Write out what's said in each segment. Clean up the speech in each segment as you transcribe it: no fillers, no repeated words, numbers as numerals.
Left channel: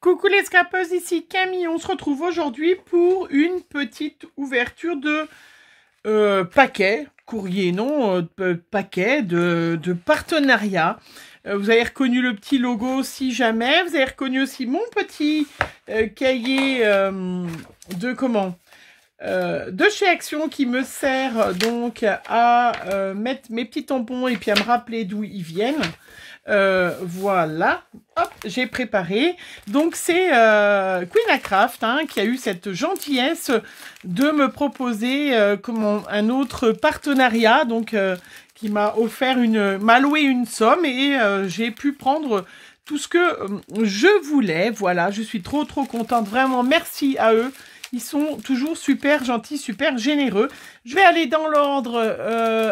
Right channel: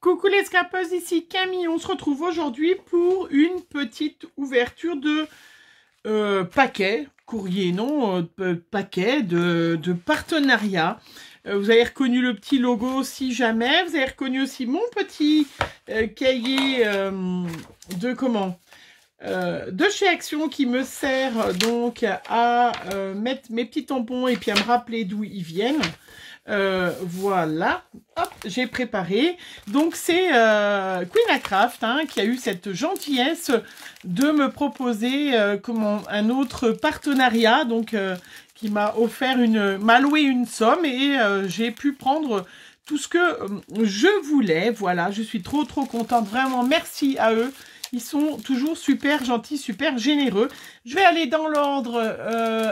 Coucou les scrapeuses, ici Camille. On se retrouve aujourd'hui pour une petite ouverture de paquet, courrier, non, paquet de partenariat. Vous avez reconnu le petit logo si jamais. Vous avez reconnu aussi mon petit cahier de chez Action qui me sert donc à mettre mes petits tampons et puis à me rappeler d'où ils viennent. Voilà, hop, j'ai préparé. Donc c'est Queenacraft qui a eu cette gentillesse de me proposer un autre partenariat, donc qui m'a offert m'a loué une somme et j'ai pu prendre tout ce que je voulais. Voilà, je suis trop contente, vraiment merci à eux. Ils sont toujours super gentils, super généreux. Je vais aller dans l'ordre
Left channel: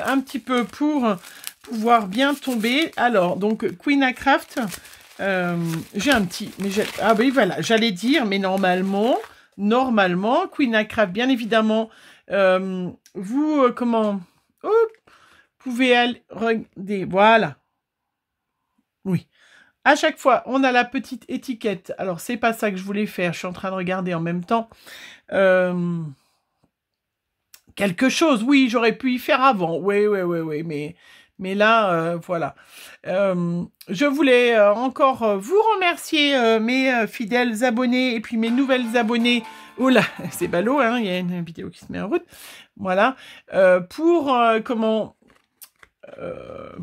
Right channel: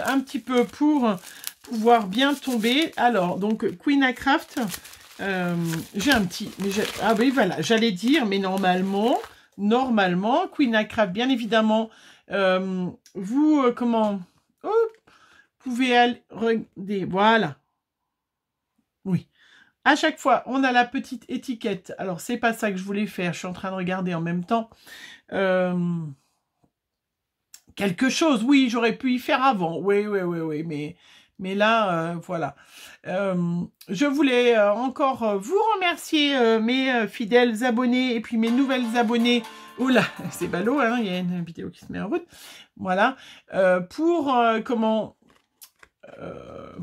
un petit peu pour pouvoir bien tomber. Alors, donc, Queenacraft, j'ai un petit... ah oui, voilà, j'allais dire, mais normalement, Queenacraft, bien évidemment, vous pouvez aller... Regardez, voilà. Oui. À chaque fois, on a la petite étiquette. Alors, c'est pas ça que je voulais faire. Je suis en train de regarder en même temps. Quelque chose, oui, j'aurais pu y faire avant. Oui, mais là, voilà. Je voulais encore vous remercier, mes fidèles abonnés et puis mes nouvelles abonnées. Oula, c'est ballot, hein, il y a une vidéo qui se met en route. Voilà.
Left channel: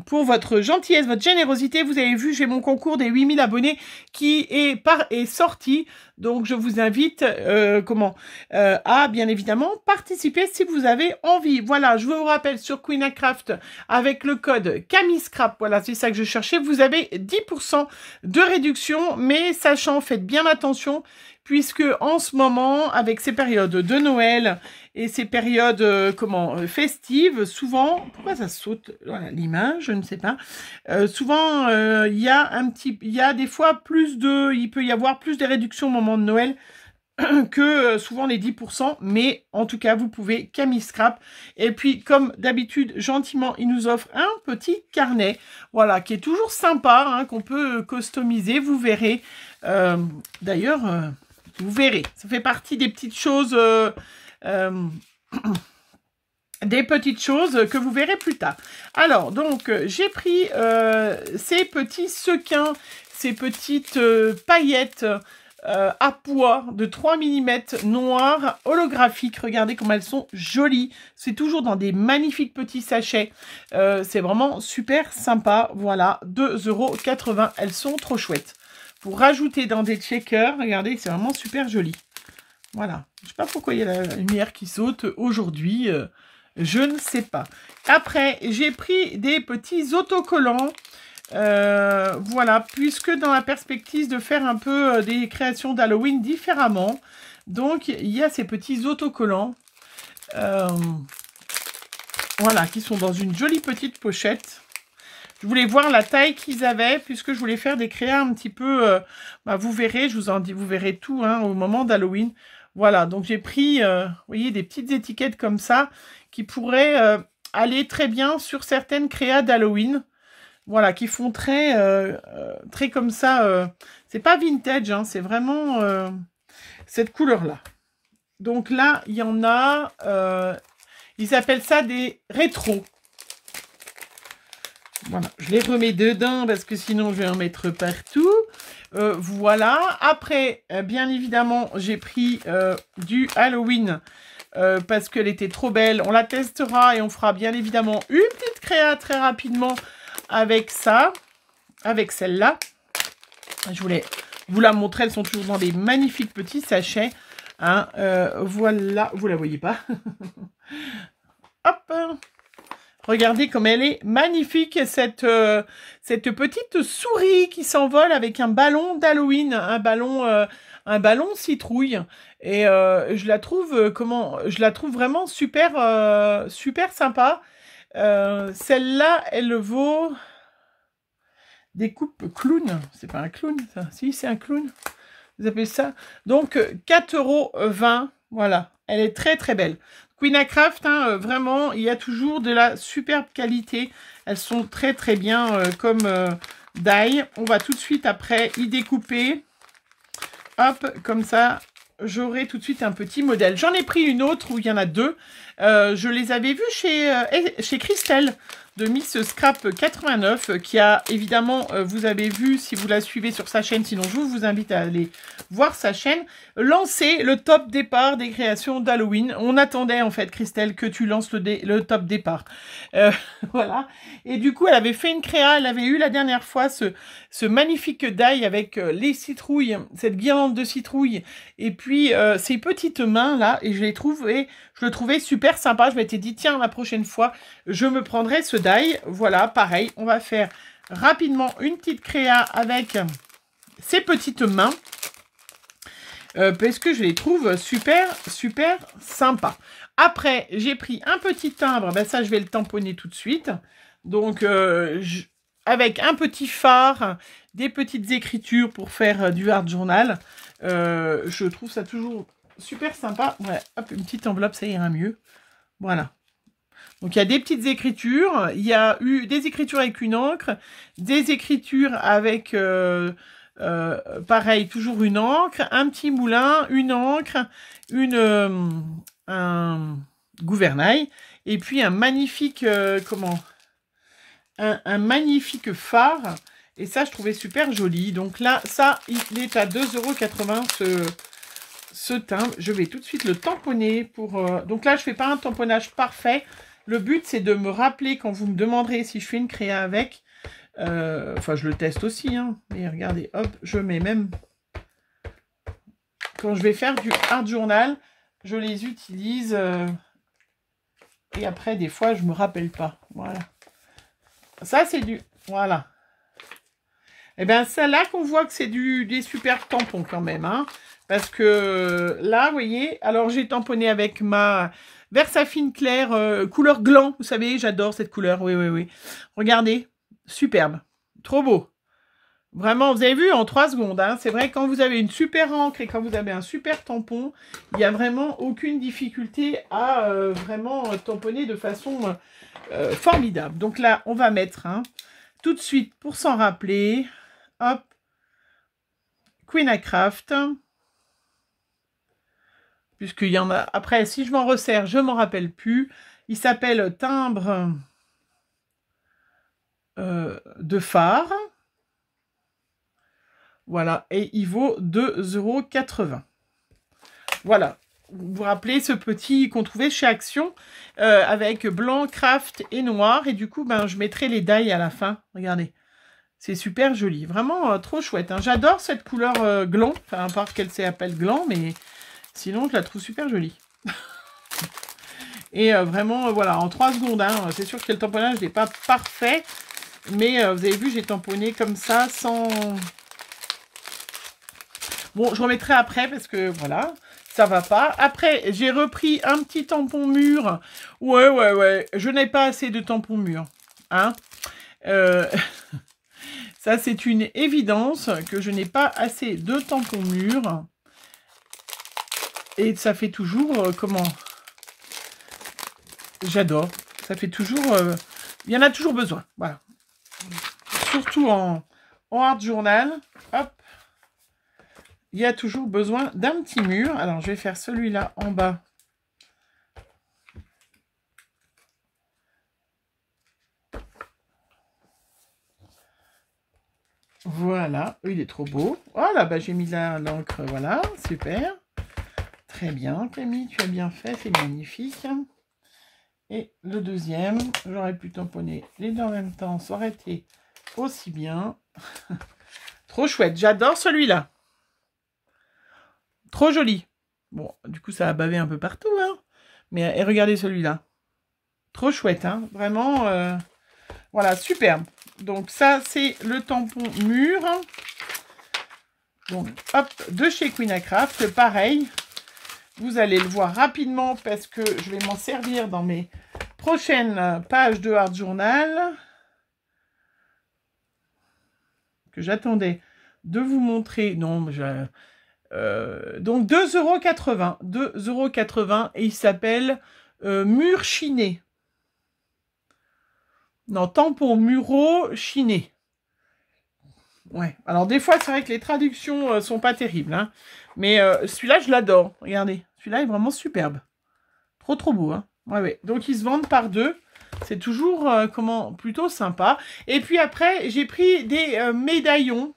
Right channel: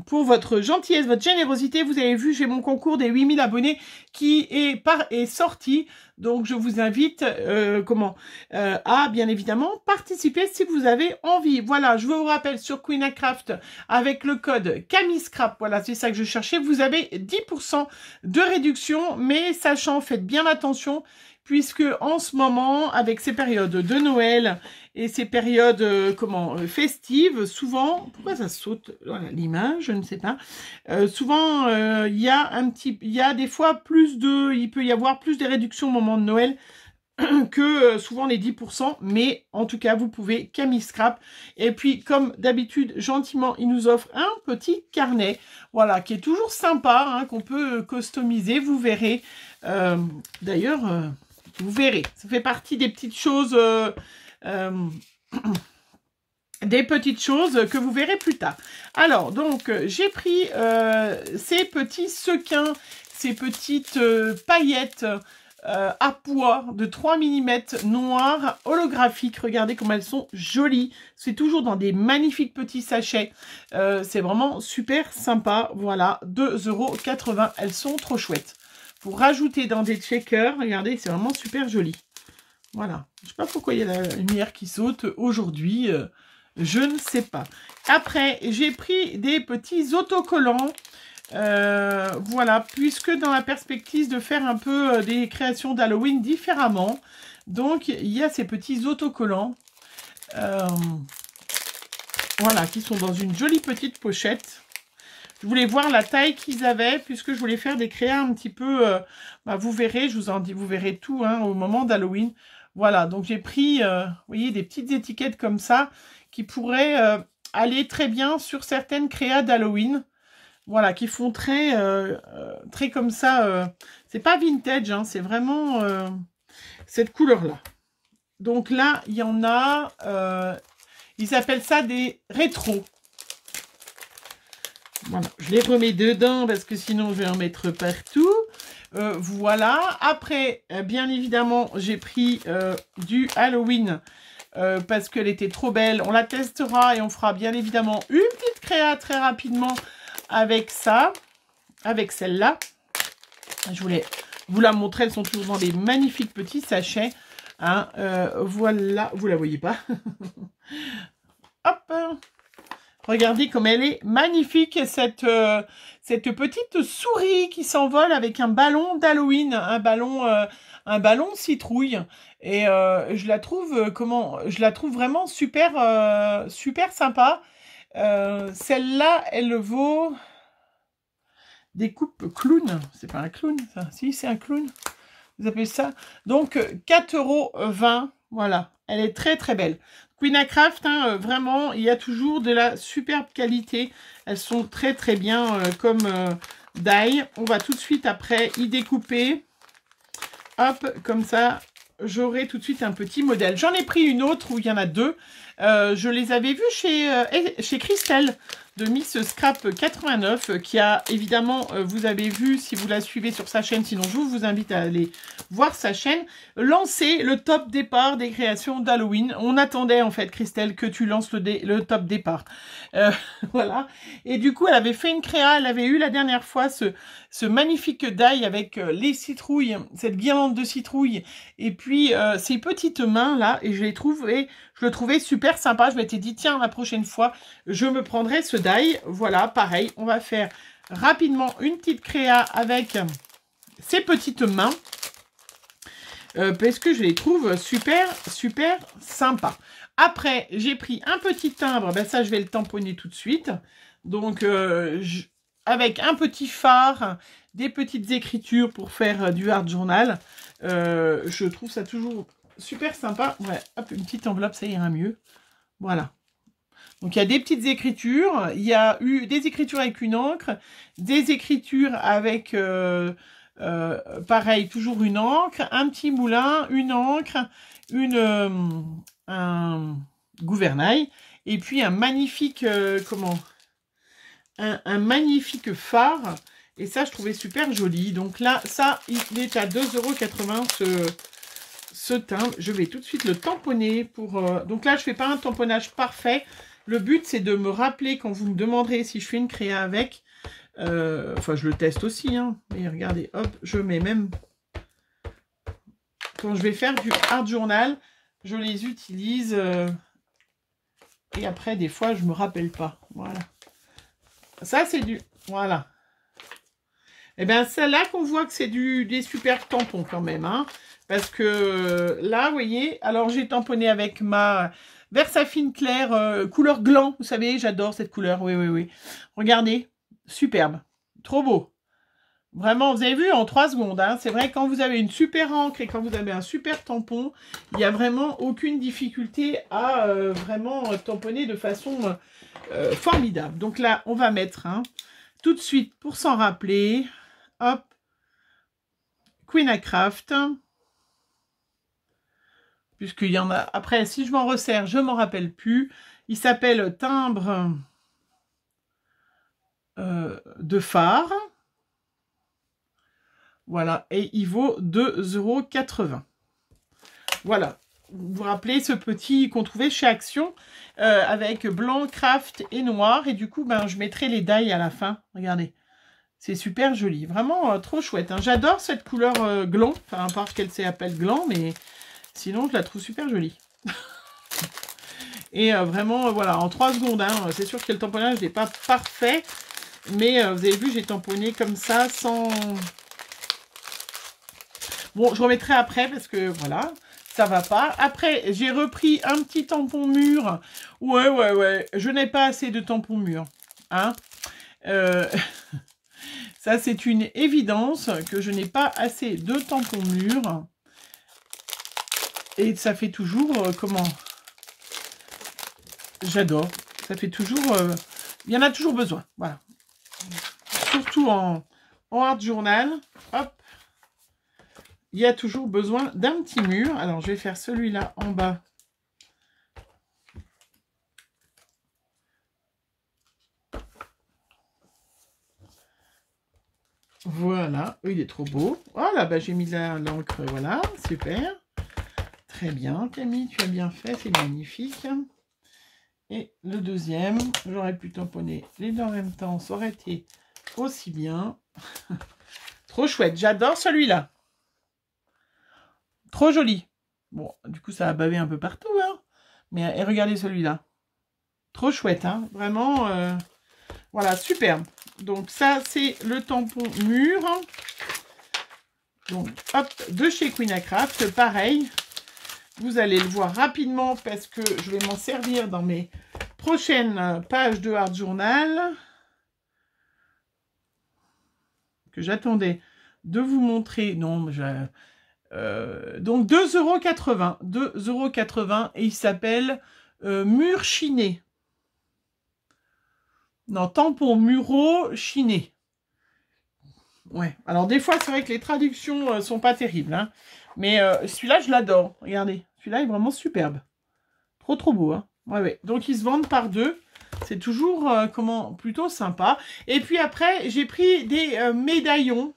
Pour votre gentillesse, votre générosité. Vous avez vu, j'ai mon concours des 8000 abonnés qui est sorti. Donc, je vous invite à, bien évidemment, participer si vous avez envie. Voilà, je vous rappelle sur Queenacraft, avec le code CamilleScrap, voilà, c'est ça que je cherchais, vous avez 10% de réduction, mais sachant, faites bien attention, puisque en ce moment, avec ces périodes de Noël et ces périodes festives, souvent, pourquoi ça saute l'image, je ne sais pas. Souvent, il y a des fois il peut y avoir plus de réductions au moment de Noël que souvent les 10%, mais en tout cas, vous pouvez CamilleScrap. Et puis, comme d'habitude, gentiment, il nous offre un petit carnet, voilà, qui est toujours sympa, qu'on peut customiser, vous verrez. D'ailleurs, vous verrez, ça fait partie des petites choses... des petites choses que vous verrez plus tard. Alors, donc, j'ai pris ces petits sequins, ces petites paillettes à pois de 3 mm noires holographiques. Regardez comme elles sont jolies. C'est toujours dans des magnifiques petits sachets. C'est vraiment super sympa. Voilà, 2,80 €. Elles sont trop chouettes. Pour rajouter dans des checkers, regardez, c'est vraiment super joli. Voilà. Je ne sais pas pourquoi il y a la lumière qui saute aujourd'hui. Je ne sais pas. Après, j'ai pris des petits autocollants. Voilà, puisque dans la perspective de faire un peu des créations d'Halloween différemment. Donc, il y a ces petits autocollants. Voilà, qui sont dans une jolie petite pochette. Je voulais voir la taille qu'ils avaient, puisque je voulais faire des créas un petit peu... vous verrez, je vous en dis, vous verrez tout au moment d'Halloween. Voilà, donc j'ai pris, vous voyez, des petites étiquettes comme ça, qui pourraient aller très bien sur certaines créas d'Halloween. Voilà, qui font très comme ça. C'est pas vintage, c'est vraiment cette couleur-là. Donc là, il y en a, ils appellent ça des rétros. Voilà, je les remets dedans parce que sinon je vais en mettre partout. Voilà, après, bien évidemment, j'ai pris du Halloween parce qu'elle était trop belle. On la testera et on fera bien évidemment une petite créa très rapidement avec ça, avec celle-là. Je voulais vous la montrer, elles sont toujours dans des magnifiques petits sachets. Voilà, vous la voyez pas. Hop! Regardez comme elle est magnifique, cette petite souris qui s'envole avec un ballon d'Halloween, un ballon citrouille. Et je la trouve vraiment super, super sympa. Celle-là, elle vaut des coupes clown. C'est pas un clown, ça. Si, c'est un clown. Vous appelez ça? Donc, 4,20 €. Voilà. Elle est très belle. Queenacraft, vraiment, il y a toujours de la superbe qualité. Elles sont très bien comme die. On va tout de suite après y découper. hop, comme ça, j'aurai tout de suite un petit modèle. J'en ai pris une autre où il y en a deux. Je les avais vus chez Christelle de Miss Scrap 89 qui a évidemment, vous avez vu si vous la suivez sur sa chaîne, sinon je vous invite à aller voir sa chaîne, lancer le top départ des créations d'Halloween. On attendait en fait Christelle que tu lances le top départ. Voilà. Et du coup elle avait fait une créa, elle avait eu la dernière fois ce magnifique die avec les citrouilles, cette guirlande de citrouilles et puis ces petites mains là, et je le trouvais super sympa. Je m'étais dit tiens, la prochaine fois je me prendrai ce die. Voilà, pareil, on va faire rapidement une petite créa avec ces petites mains parce que je les trouve super sympa. Après j'ai pris un petit timbre, ben ça je vais le tamponner tout de suite. Donc avec un petit phare, des petites écritures pour faire du art journal. Je trouve ça toujours super sympa. Ouais, hop, une petite enveloppe, ça ira mieux. Voilà. Donc, il y a des petites écritures. Il y a eu des écritures avec une encre, des écritures avec, pareil, toujours une encre, un petit moulin, une encre, un gouvernail, et puis un magnifique, un magnifique phare. Et ça, je trouvais super joli. Donc là, ça, il est à 2,80 € ce timbre. Je vais tout de suite le tamponner pour... Donc là, je ne fais pas un tamponnage parfait. Le but, c'est de me rappeler quand vous me demanderez si je fais une créa avec. Enfin, je le teste aussi. Hein. Et regardez, hop, je mets même... Quand je vais faire du art journal, je les utilise. Et après, des fois, je ne me rappelle pas. Voilà. Ça, c'est du... Voilà. Et bien, c'est là qu'on voit que c'est des super tampons quand même. Hein, parce que là, vous voyez, alors j'ai tamponné avec ma Versafine claire couleur gland. Vous savez, j'adore cette couleur. Oui, oui, oui. Regardez, superbe. Trop beau. Vraiment, vous avez vu, en 3 secondes. Hein, c'est vrai, quand vous avez une super encre et quand vous avez un super tampon, il n'y a vraiment aucune difficulté à vraiment tamponner de façon formidable. Donc là, on va mettre tout de suite, pour s'en rappeler... Hop, Queen à Craft. Puisqu'il y en a... Après, si je m'en resserre, je ne m'en rappelle plus. Il s'appelle timbre de phare. Voilà, et il vaut 2,80 €. Voilà, vous vous rappelez ce petit qu'on trouvait chez Action avec blanc, craft et noir. Et du coup, ben, je mettrai les die à la fin. Regardez. C'est super joli, vraiment trop chouette. Hein. J'adore cette couleur gland, enfin, à part qu'elle s'appelle gland, mais sinon je la trouve super jolie. Et vraiment, voilà, en 3 secondes, hein, c'est sûr que le tamponnage n'est pas parfait, mais vous avez vu, j'ai tamponné comme ça, sans... Bon, je remettrai après, parce que voilà, ça va pas. Après, j'ai repris un petit tampon mûr. Ouais, je n'ai pas assez de tampons mûrs. Hein Ça, c'est une évidence que je n'ai pas assez de tampons mûrs. Et ça fait toujours... comment? J'adore. Ça fait toujours... il y en a toujours besoin. Voilà. Surtout en art journal. Hop. Il y a toujours besoin d'un petit mur. Alors, je vais faire celui-là en bas. Voilà, il est trop beau. Voilà, bah, j'ai mis de l'encre, voilà, super. Très bien, Camille, tu as bien fait, c'est magnifique. Et le deuxième, j'aurais pu tamponner les deux en même temps, ça aurait été aussi bien. Trop chouette, j'adore celui-là. Trop joli. Bon, du coup, ça a bavé un peu partout, hein. Mais et regardez celui-là. Trop chouette, hein. Vraiment, voilà, superbe. Donc ça, c'est le tampon mûr. Donc, hop, de chez Queen à Craft. Pareil, vous allez le voir rapidement parce que je vais m'en servir dans mes prochaines pages de art journal. Que j'attendais de vous montrer. Non, donc 2,80 €. 2,80 € et il s'appelle mur chiné. Non, tampon muraux chiné. Ouais. Alors, des fois, c'est vrai que les traductions sont pas terribles. Hein. Mais celui-là, je l'adore. Regardez. Celui-là est vraiment superbe. Trop, trop beau. Hein. Ouais, ouais. Donc, ils se vendent par deux. C'est toujours, plutôt sympa. Et puis après, j'ai pris des médaillons.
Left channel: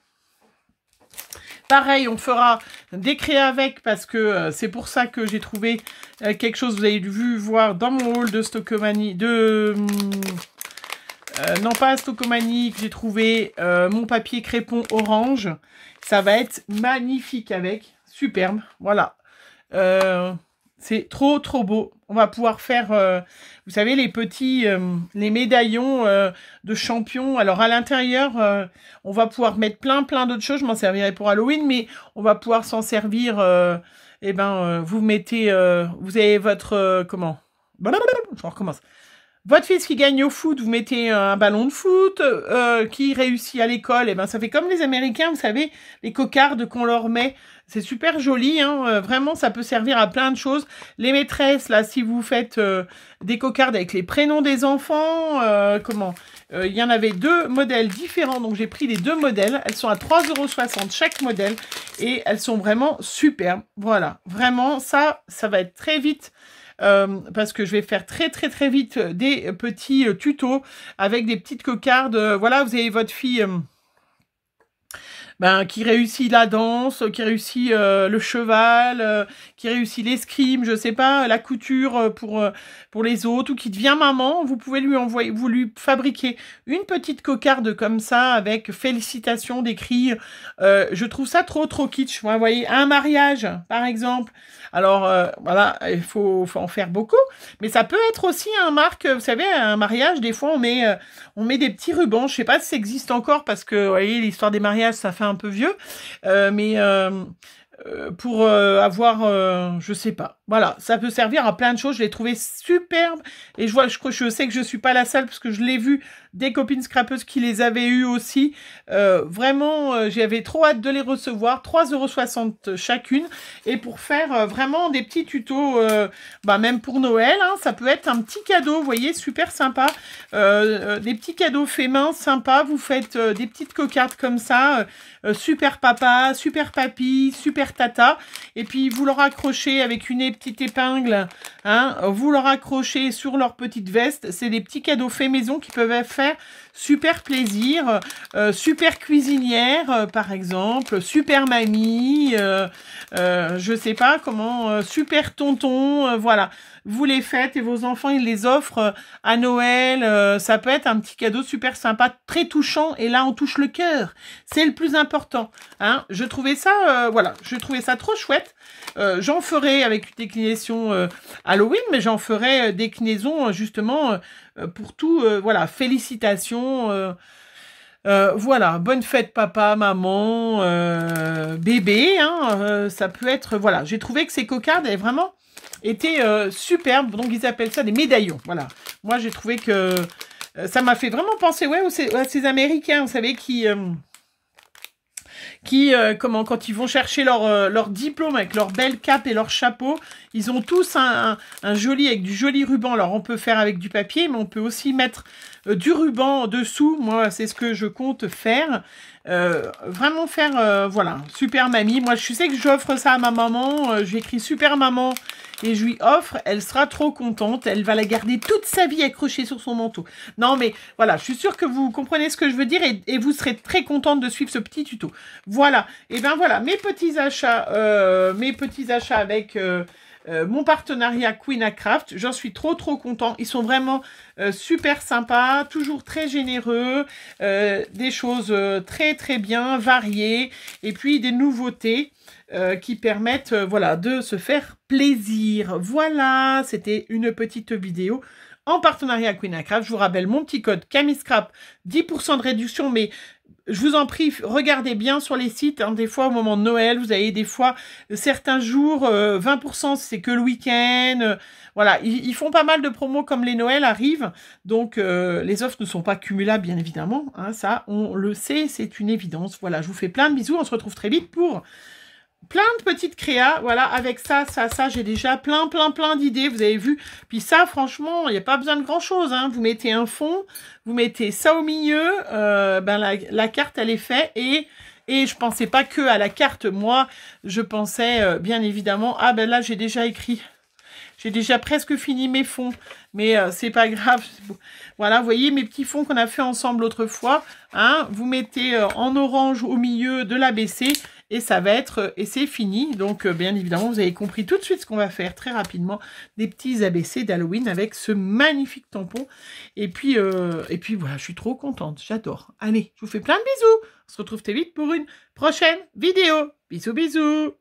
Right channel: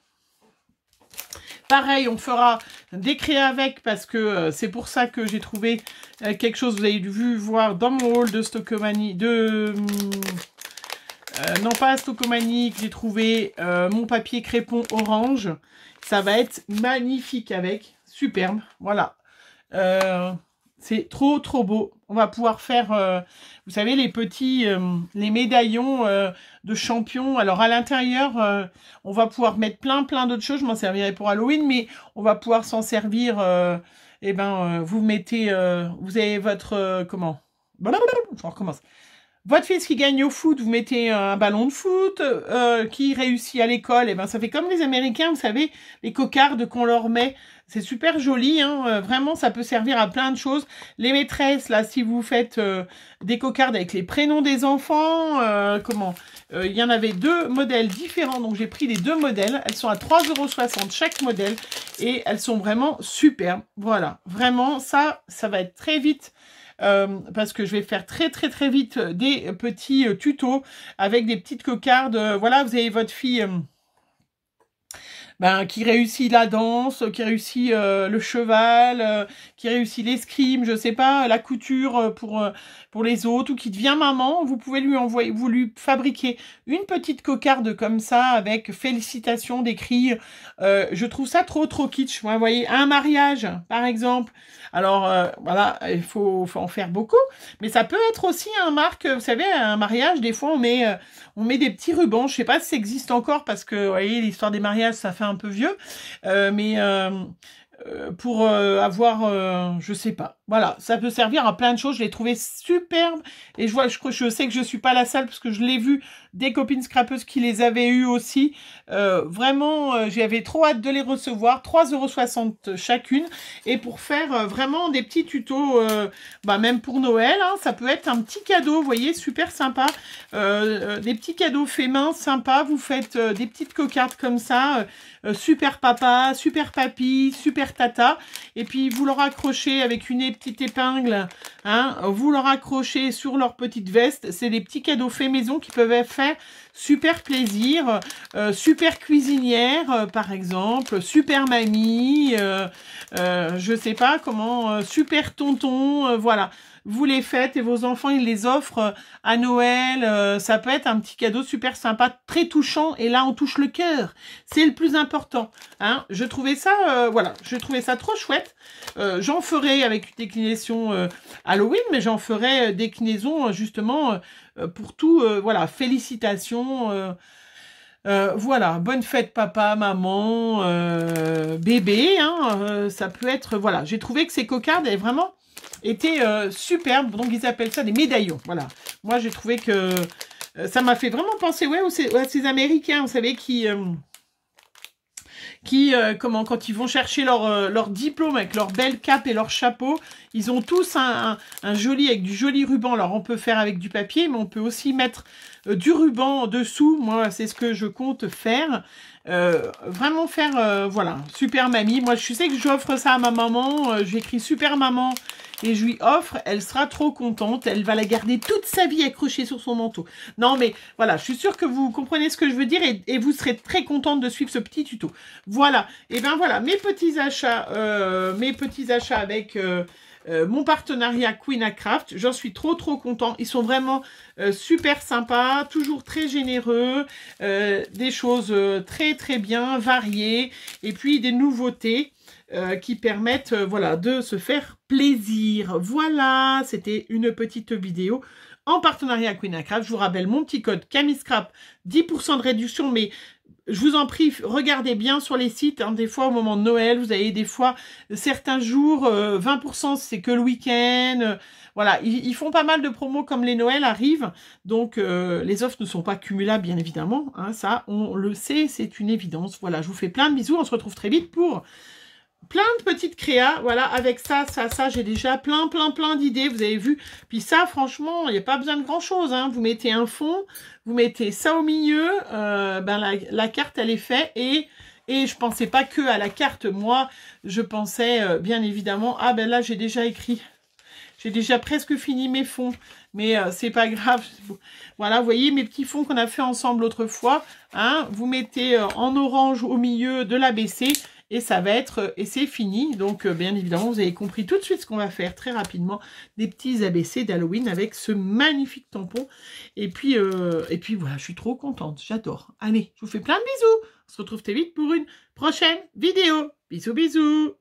Pareil, on fera des créas avec parce que c'est pour ça que j'ai trouvé quelque chose, vous avez vu voir dans mon haul de Stockomanie, non pas Stockomanie, que j'ai trouvé mon papier crépon orange. Ça va être magnifique avec, superbe, voilà. C'est trop trop beau. On va pouvoir faire, vous savez, les petits, les médaillons de champion. Alors à l'intérieur, on va pouvoir mettre plein d'autres choses. Je m'en servirai pour Halloween, mais on va pouvoir s'en servir. Vous mettez, vous avez votre comment? Je recommence. Votre fils qui gagne au foot, vous mettez un ballon de foot, qui réussit à l'école, et ben ça fait comme les Américains, vous savez, les cocardes qu'on leur met. C'est super joli, hein, vraiment, ça peut servir à plein de choses. Les maîtresses, là, si vous faites des cocardes avec les prénoms des enfants, il y en avait deux modèles différents, donc j'ai pris les deux modèles. Elles sont à 3,60 € chaque modèle, et elles sont vraiment superbes. Voilà, vraiment, ça va être très vite. Parce que je vais faire très vite des petits tutos avec des petites cocardes. Voilà, vous avez votre fille qui réussit la danse, qui réussit le cheval, qui réussit l'escrime, je sais pas, la couture pour les autres, ou qui devient maman. Vous pouvez lui envoyer, vous lui fabriquer une petite cocarde comme ça avec félicitations d'écrit. Je trouve ça trop kitsch. Vous voyez, un mariage par exemple. Alors, voilà, il faut en faire beaucoup. Mais ça peut être aussi un marque, vous savez, un mariage, des fois, on met des petits rubans. Je sais pas si ça existe encore parce que, vous voyez, l'histoire des mariages, ça fait un peu vieux. Pour avoir, je sais pas. Voilà, ça peut servir à plein de choses. Je l'ai trouvé superbe. Et je sais que je suis pas la seule parce que je l'ai vu des copines scrapeuses qui les avaient eues aussi. Vraiment, j'avais trop hâte de les recevoir. 3,60 € chacune. Et pour faire vraiment des petits tutos, même pour Noël, hein, ça peut être un petit cadeau, vous voyez, super sympa. Des petits cadeaux faits main, sympa. Vous faites des petites cocardes comme ça. Super papa, super papy, super tata. Et puis, vous leur accrochez avec une petite épingle. Hein, vous leur accrochez sur leur petite veste. C'est des petits cadeaux faits maison qui peuvent faire super plaisir. Super cuisinière, par exemple. Super mamie. Je sais pas comment. Super tonton. Voilà. Vous les faites et vos enfants, ils les offrent à Noël. Ça peut être un petit cadeau super sympa, très touchant. Et là, on touche le cœur. C'est le plus important. Hein. Je trouvais ça, je trouvais ça trop chouette. J'en ferai avec une déclinaison Halloween, mais j'en ferai déclinaison justement pour tout. Voilà, félicitations. Voilà, bonne fête papa, maman, bébé. Hein, ça peut être, voilà. J'ai trouvé que ces cocardes avaient vraiment était superbe, donc ils appellent ça des médaillons, voilà. Moi j'ai trouvé que ça m'a fait vraiment penser à ces Américains, vous savez, quand ils vont chercher leur diplôme avec leur belle cape et leur chapeau, ils ont tous un joli, avec du joli ruban. Alors on peut faire avec du papier, mais on peut aussi mettre du ruban dessous. Moi c'est ce que je compte faire. Vraiment faire, voilà, super mamie. Moi je sais que j'offre ça à ma maman, j'écris super maman et je lui offre, elle sera trop contente, elle va la garder toute sa vie accrochée sur son manteau. Non mais voilà, je suis sûre que vous comprenez ce que je veux dire et vous serez très contente de suivre ce petit tuto. Voilà, et bien voilà, mes petits achats avec mon partenariat Queen Craft, j'en suis trop content. Ils sont vraiment super sympas, toujours très généreux, des choses très bien, variées, et puis des nouveautés qui permettent voilà, de se faire plaisir. Voilà, c'était une petite vidéo en partenariat Queen Craft. Je vous rappelle mon petit code CamilleScrap, 10% de réduction, mais je vous en prie, regardez bien sur les sites. Hein, des fois, au moment de Noël, vous avez des fois certains jours, 20%, c'est que le week-end. Voilà, ils font pas mal de promos comme les Noëls arrivent. Donc, les offres ne sont pas cumulables, bien évidemment. Hein, ça, on le sait, c'est une évidence. Voilà, je vous fais plein de bisous. On se retrouve très vite pour plein de petites créas, voilà, avec ça, j'ai déjà plein d'idées, vous avez vu. Puis ça, franchement, il n'y a pas besoin de grand-chose, hein. Vous mettez un fond, vous mettez ça au milieu, la carte, elle est faite, et je pensais pas que à la carte, moi, je pensais, bien évidemment, ah ben là, j'ai déjà écrit, j'ai déjà presque fini mes fonds, mais c'est pas grave. Voilà, vous voyez mes petits fonds qu'on a fait ensemble l'autre fois, hein, vous mettez en orange au milieu de l'ABC, et ça va être, et c'est fini. Donc, bien évidemment, vous avez compris tout de suite ce qu'on va faire très rapidement. Des petits ABC d'Halloween avec ce magnifique tampon. Et puis voilà, je suis trop contente. J'adore. Allez, je vous fais plein de bisous. On se retrouve très vite pour une prochaine vidéo. Bisous, bisous.